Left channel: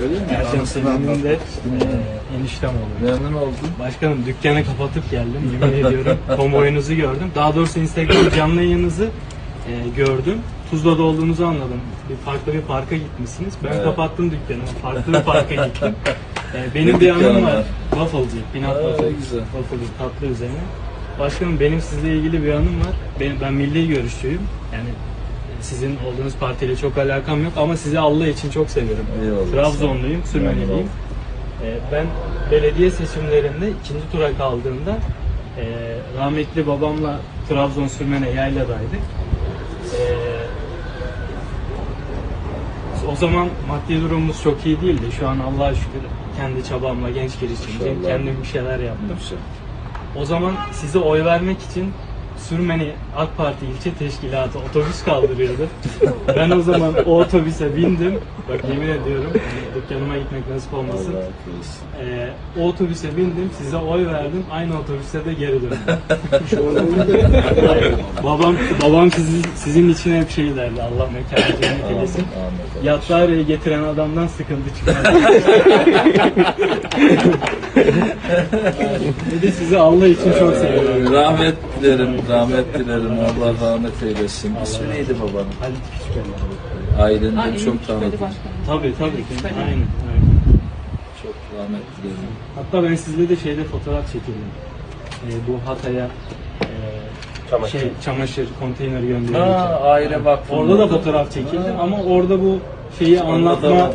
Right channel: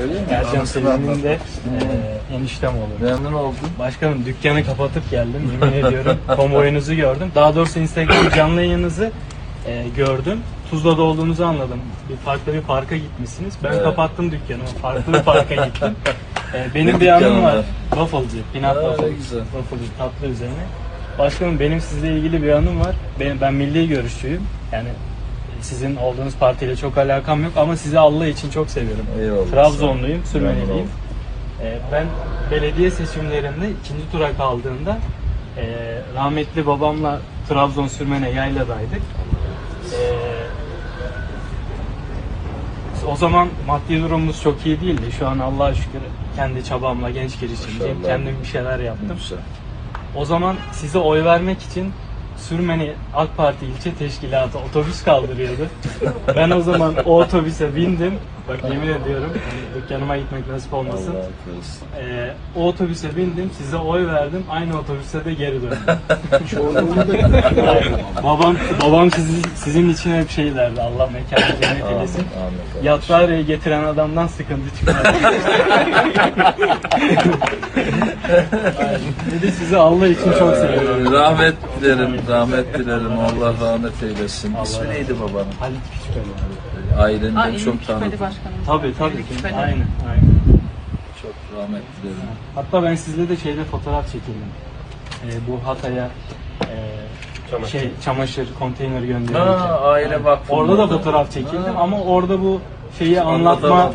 Öyle mi? Ercan Selim'in de e, eniştem oldu. Memnun oldum. Başkanım dükkanı kapatıp geldim yemin ediyorum. Kamuoyunuzu gördüm. Daha doğrusu Instagram canlı yayınınızı e, gördüm. Tuzla'da olduğumuzu anladım. Bir farklı bir parka gitmişsiniz. Ben Evet. kapattım dükkanı. Farklı bir parka gittim. E, benim Ne bir anım var. var? Peanut Aa, waffle. güzel. Wafflecı tatlı üzerine. Başkanım benim sizle ilgili bir anım var. Ben, ben milli görüşçüyüm. Yani sizin olduğunuz partiyle çok alakam yok ama sizi Allah için çok seviyorum. Eyvallah. Trabzonluyum, Sürmeneliyim. Ee, ben belediye seçimlerinde ikinci tura kaldığımda e, rahmetli babamla Trabzon Sürmene yayladaydık. Ee, o zaman maddi durumumuz çok iyi değildi. Şu an Allah'a şükür kendi çabamla genç İnşallah. kendim bir şeyler yaptım. O zaman size oy vermek için Sürmeni AK Parti ilçe teşkilatı otobüs kaldırıyordu. ben o zaman o otobüse bindim. Bak yemin ediyorum yani dükkanıma gitmek nasip olmasın. Ee, o otobüse bindim, size oy verdim. Aynı otobüse de geri döndüm. babam babam sizin, sizin için hep şey derdi. Allah mekanı cennet eylesin. Yatrağı'ya getiren adamdan sıkıntı çıkar. Dedi sizi Allah için çok seviyorum. Rahmet dilerim, rahmet dilerim. Allah rahmet eylesin. İsmi neydi babanın? Halit Küçüköy'ü. Ailenin Aa, de en çok tanıdım. Tabii tabii. Aynen, aynen. Çok rahmet dilerim. Hatta ben sizle de şeyde fotoğraf çekildim. Ee, bu Hatay'a e, şey, çamaşır konteyneri gönderirken. Aa, aile vakfı. Orada da fotoğraf çekildim ama orada bu şeyi anlatma